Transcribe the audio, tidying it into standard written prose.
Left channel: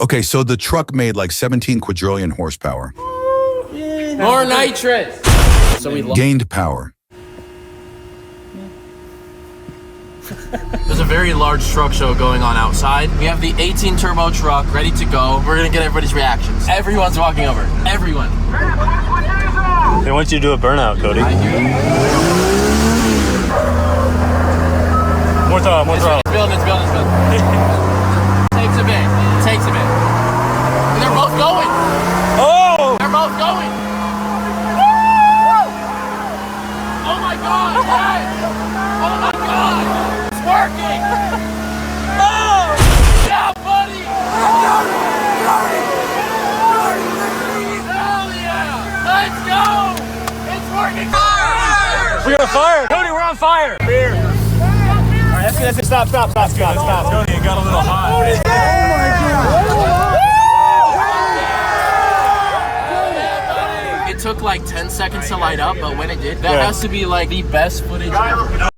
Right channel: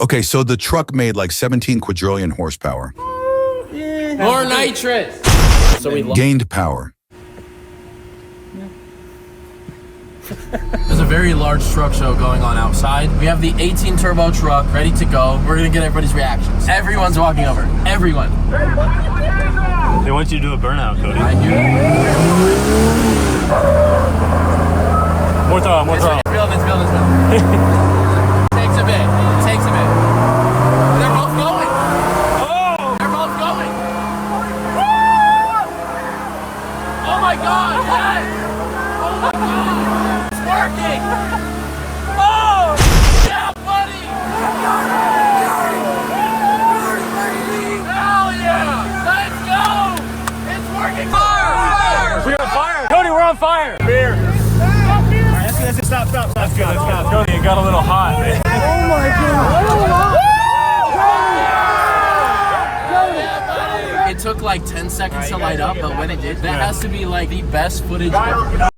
Okay, so the truck made like 17 quadrillion horsepower. More nitrous. So we gained power. There's a very large truck show going on outside. We have the 18 turbo truck ready to go. We're gonna get everybody's reactions. Everyone's walking over. Everyone. They want you to do a burnout, Cody. More throttle, more throttle. It's building. Takes a bit. They're both going. Oh! They're both going. Oh my God! Yes! Oh my God! It's working! Oh! Yeah, buddy! Hell yeah! Let's go! It's working! Fire! We're on fire! Cody, we're on fire! Alright, that's it. Stop. Cody, it got a little hot, man. It took like 10 seconds to light up, but when it did, that has to be like the best footage ever.